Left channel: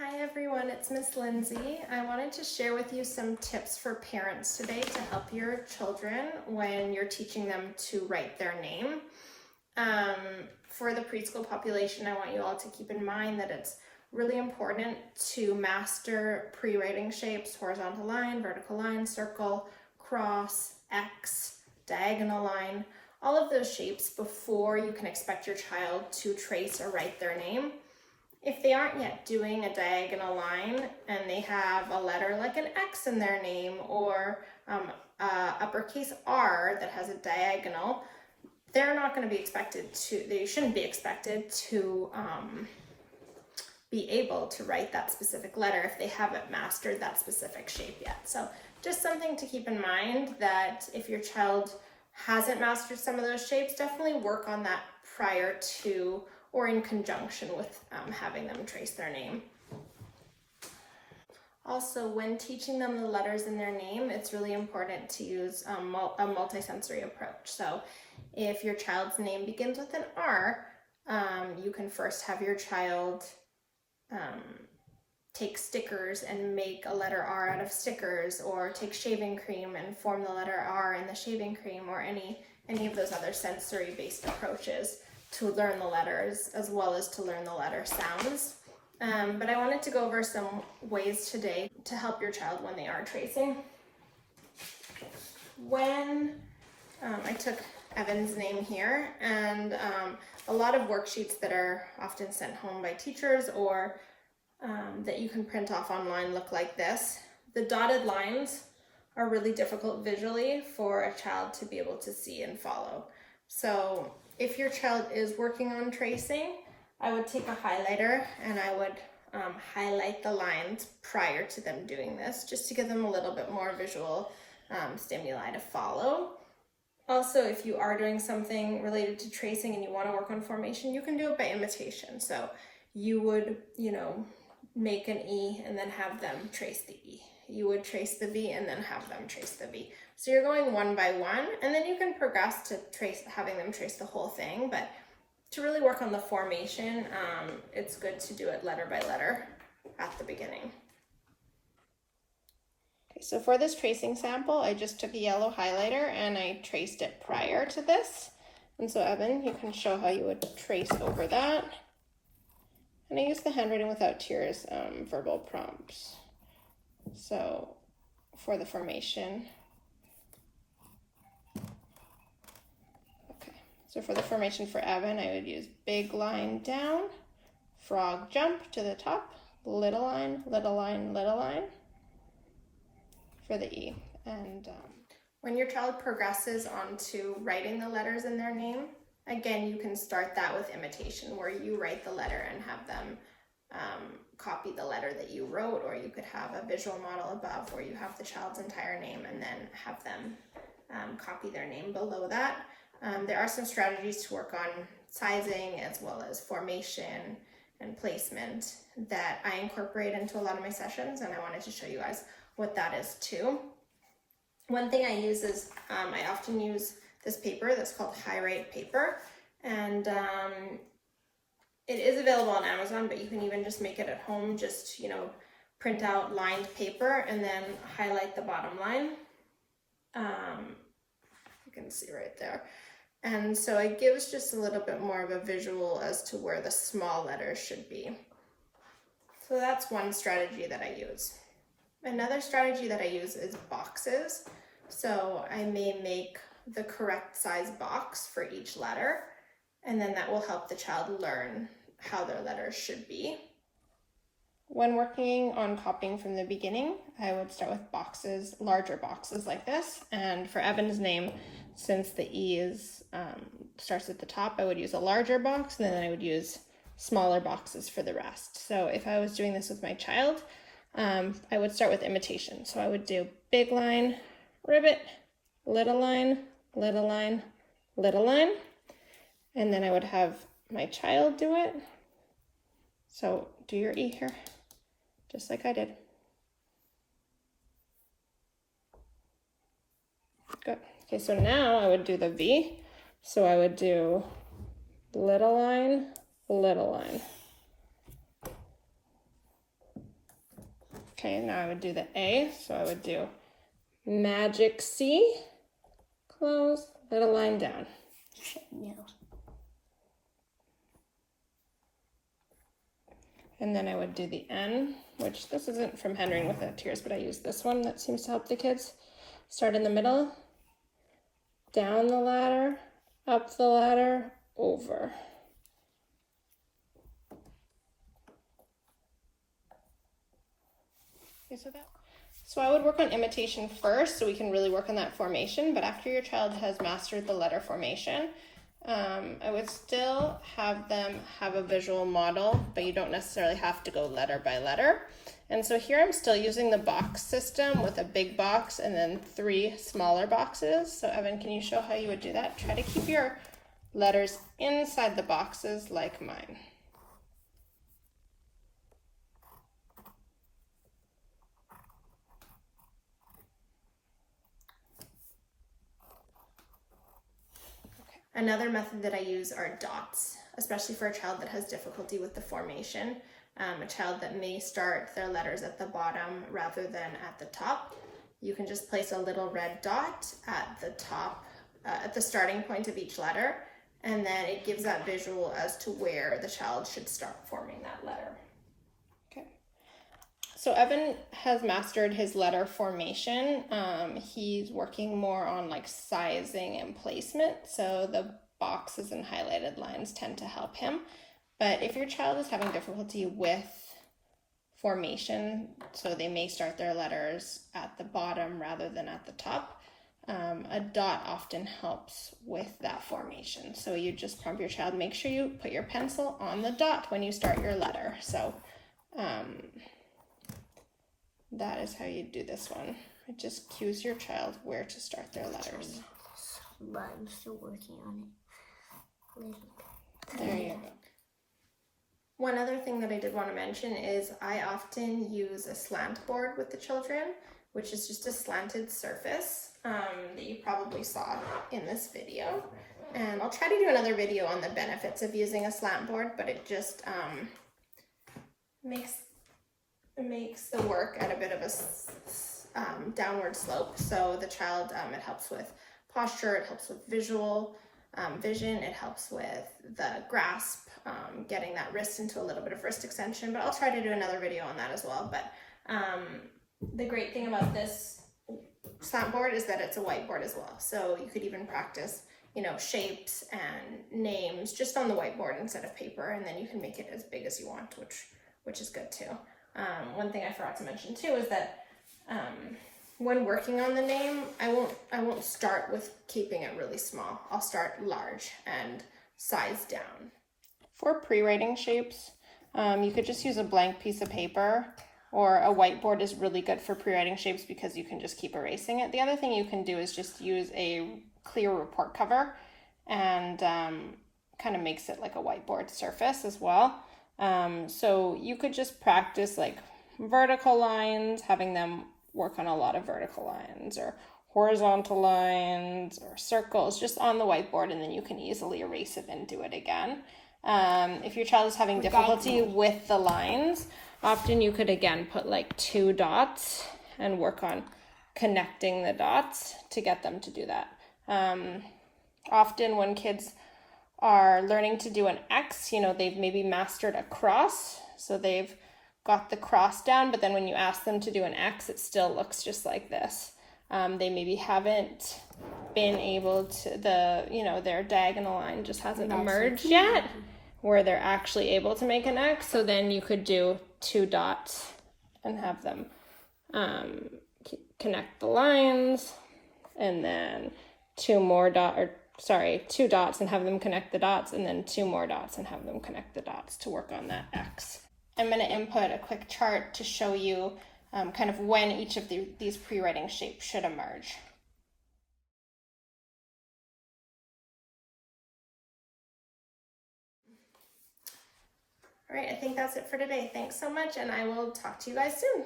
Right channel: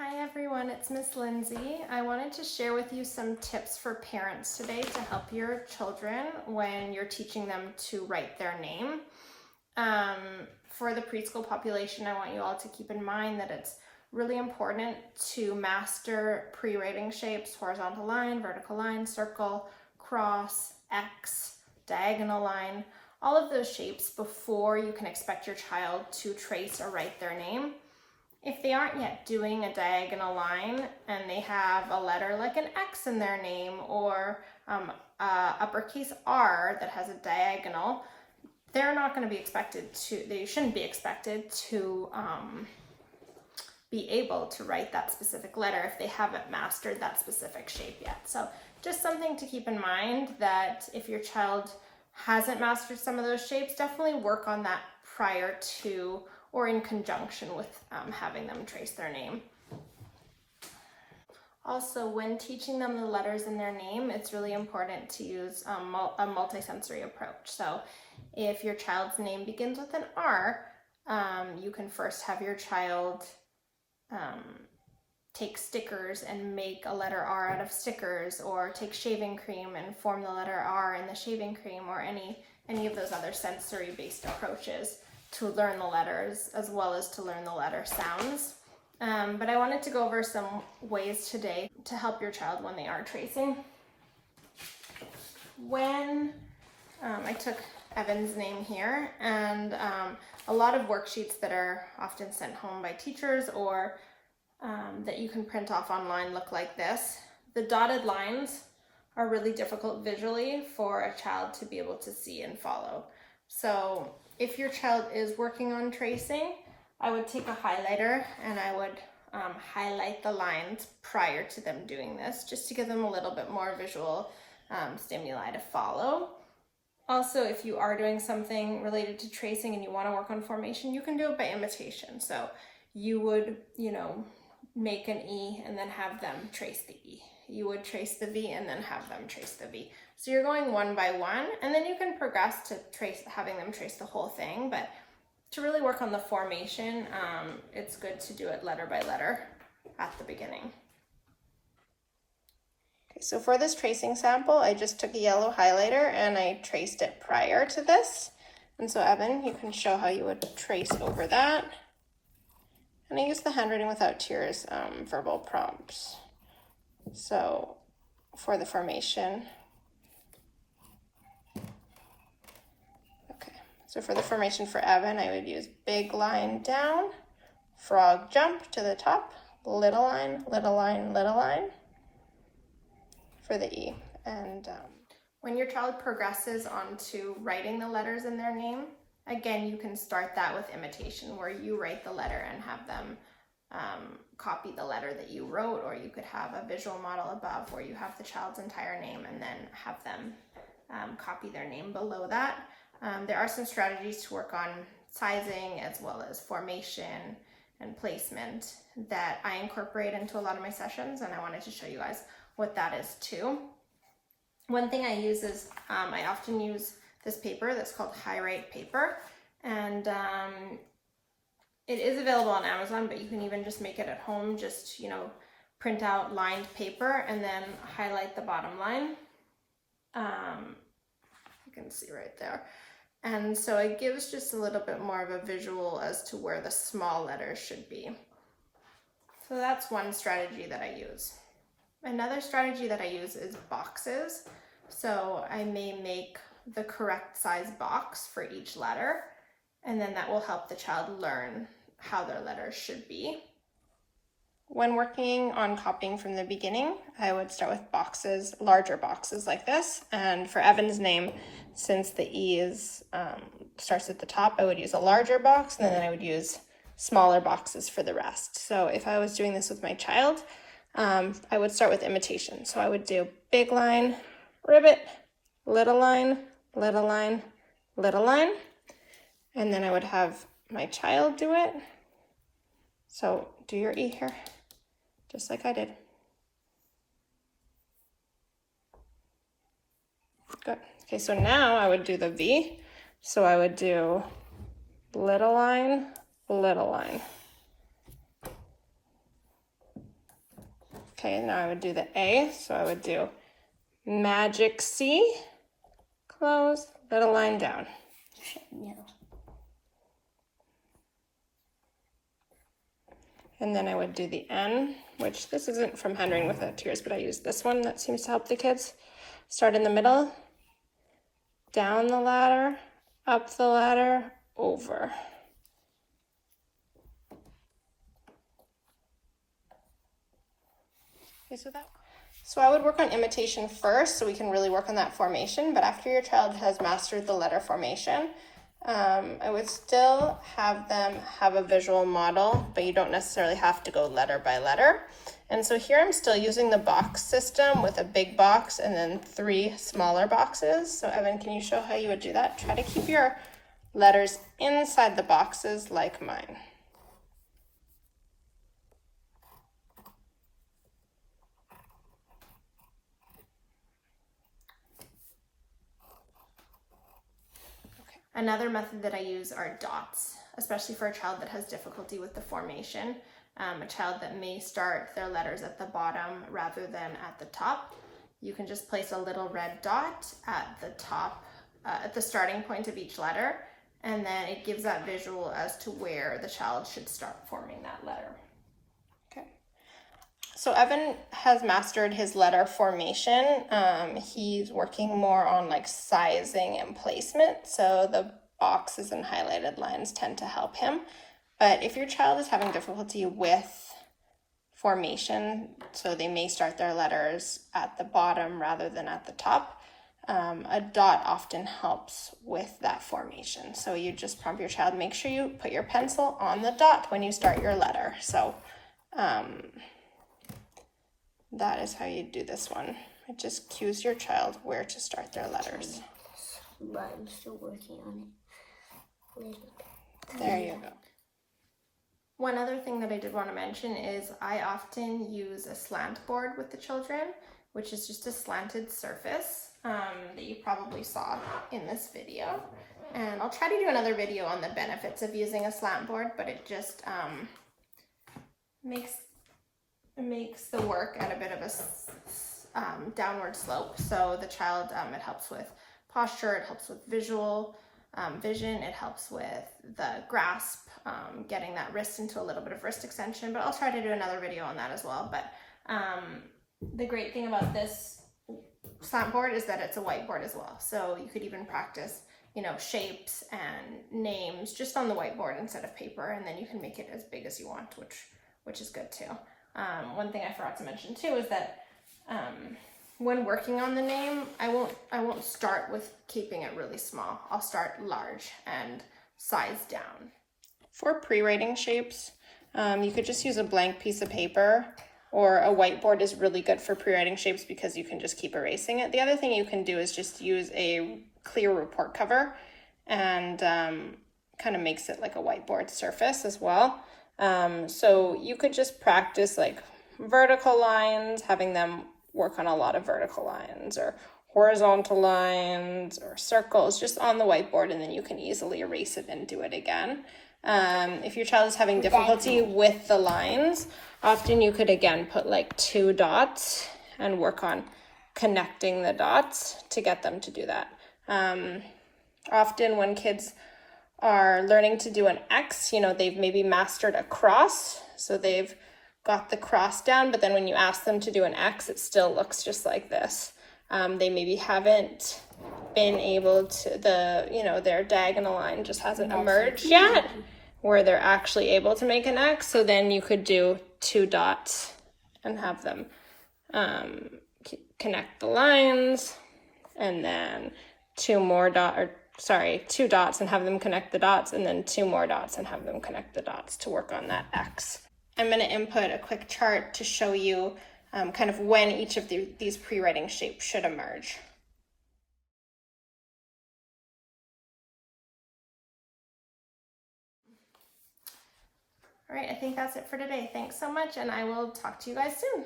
Hi everyone, it's Miss Lindsay. I wanted to share with you some tips for parents today to help your children when you're teaching them to write their name. For the preschool population, I want you all to keep in mind that it's really important to master pre-writing shapes: horizontal line, vertical line, circle, cross, X, diagonal line, all of those shapes before you can expect your child to trace or write their name. If they aren't yet doing a diagonal line and they have a letter like an X in their name or uppercase R that has a diagonal, they're not going to be expected to, they shouldn't be expected to be able to write that specific letter if they haven't mastered that specific shape yet. So just something to keep in mind, that if your child hasn't mastered some of those shapes, definitely work on that prior to or in conjunction with having them trace their name. Also, when teaching them the letters in their name, it's really important to use a multisensory approach. So if your child's name begins with an R, you can first have your child take stickers and make a letter R out of stickers, or take shaving cream and form the letter R in the shaving cream, or any of those other sensory-based approaches to learn the letters as well as to learn the letter sounds. But I wanted to go over some ways today to help your child when they are tracing. When I took Evan's name here, and a lot of worksheets that are often sent home by teachers or that you can print off online look like this. The dotted lines are really difficult visually for a child to be able to see and follow. So if your child is working on tracing, I would take a highlighter and I would highlight the lines prior to them doing this, just to give them a little bit more visual stimuli to follow. Also, if you are doing something related to tracing and you want to work on formation, you can do it by imitation. So you would, make an E and then have them trace the E. You would trace the V and then have them trace the V. So you're going one by one, and then you can progress to having them trace the whole thing. But to really work on the formation, it's good to do it letter by letter at the beginning. Okay, so for this tracing sample, I just took a yellow highlighter and I traced it prior to this. And so Evan, you can show how you would trace over that. And I use the handwriting without tears verbal prompts. So for the formation, okay, so for the formation for Evan, I would use big line down, frog jump to the top, little line, little line, little line for the E. And when your child progresses onto writing the letters in their name, again, you can start that with imitation, where you write the letter and have them copy the letter that you wrote, or you could have a visual model above where you have the child's entire name and then have them copy their name below that. There are some strategies to work on sizing as well as formation and placement that I incorporate into a lot of my sessions, and I wanted to show you guys what that is too. One thing I use is I often use this paper that's called High Write paper, and it is available on Amazon, but you can even just make it at home. Just print out lined paper and then highlight the bottom line. You can see right there, and so it gives just a little bit more of a visual as to where the small letters should be. So that's one strategy that I use. Another strategy that I use is boxes. So I may make the correct size box for each letter, and then that will help the child learn how their letters should be. When working on copying from the beginning, I would start with boxes, larger boxes like this. And for Evan's name, since the E is starts at the top, I would use a larger box, and then I would use smaller boxes for the rest. So if I was doing this with my child, I would start with imitation. So I would do big line, ribbit, little line, little line, little line, and then I would have my child do it. So do your E here, just like I did. Good. Okay, so now I would do the V. So I would do little line, little line. Okay, now I would do the A, so I would do magic C, close, little line down. No. And then I would do the N, which this isn't from Handwriting Without Tears, but I use this one that seems to help the kids. Start in the middle, down the ladder, up the ladder, over. Okay, so I would work on imitation first so we can really work on that formation, but after your child has mastered the letter formation, I would still have them have a visual model, but you don't necessarily have to go letter by letter. And so here I'm still using the box system with a big box and then 3 smaller boxes. So Evan, can you show how you would do that? Try to keep your letters inside the boxes like mine. Another method that I use are dots, especially for a child that has difficulty with the formation. A child that may start their letters at the bottom rather than at the top. You can just place a little red dot at the top, at the starting point of each letter, and then it gives that visual as to where the child should start forming that letter. Okay. So Evan has mastered his letter formation. He's working more on like sizing and placement. So the boxes and highlighted lines tend to help him. But if your child is having difficulty with formation, so they may start their letters at the bottom rather than at the top, a dot often helps with that formation. So you just prompt your child, make sure you put your pencil on the dot when you start your letter. So that is how you do this one. It just cues your child where to start their letters. But I'm still working on it. There you go. One other thing that I did want to mention is I often use a slant board with the children, which is just a slanted surface that you probably saw in this video. And I'll try to do another video on the benefits of using a slant board, but it just makes the work at a bit of a downward slope. So the child, it helps with posture, it helps with vision, it helps with the grasp, getting that wrist into a little bit of wrist extension, but I'll try to do another video on that as well. But the great thing about this slant board is that it's a whiteboard as well. So you could even practice, shapes and names just on the whiteboard instead of paper, and then you can make it as big as you want, which is good too. One thing I forgot to mention too is that when working on the name, I won't start with keeping it really small. I'll start large and size down. For pre-writing shapes, you could just use a blank piece of paper, or a whiteboard is really good for pre-writing shapes because you can just keep erasing it. The other thing you can do is just use a clear report cover, and kind of makes it like a whiteboard surface as well. So you could just practice like vertical lines, having them work on a lot of vertical lines or horizontal lines or circles just on the whiteboard, and then you can easily erase it and do it again. If your child is having difficulty with the lines, often you could again put like 2 dots and work on connecting the dots to get them to do that. Often when kids are learning to do an X, they've maybe mastered a cross, so they've got the cross down, but then when you ask them to do an X, it still looks just like this. They maybe haven't been able to, their diagonal line just hasn't emerged yet, where they're actually able to make an X. So then you could do 2 dots and have them connect the lines, and then 2 dots and have them connect the dots, and then 2 more dots and have them connect the dots to work on that X. I'm going to input a quick chart to show you kind of when each of these pre-writing shapes should emerge. All right, I think that's it for today. Thanks so much, and I will talk to you guys soon.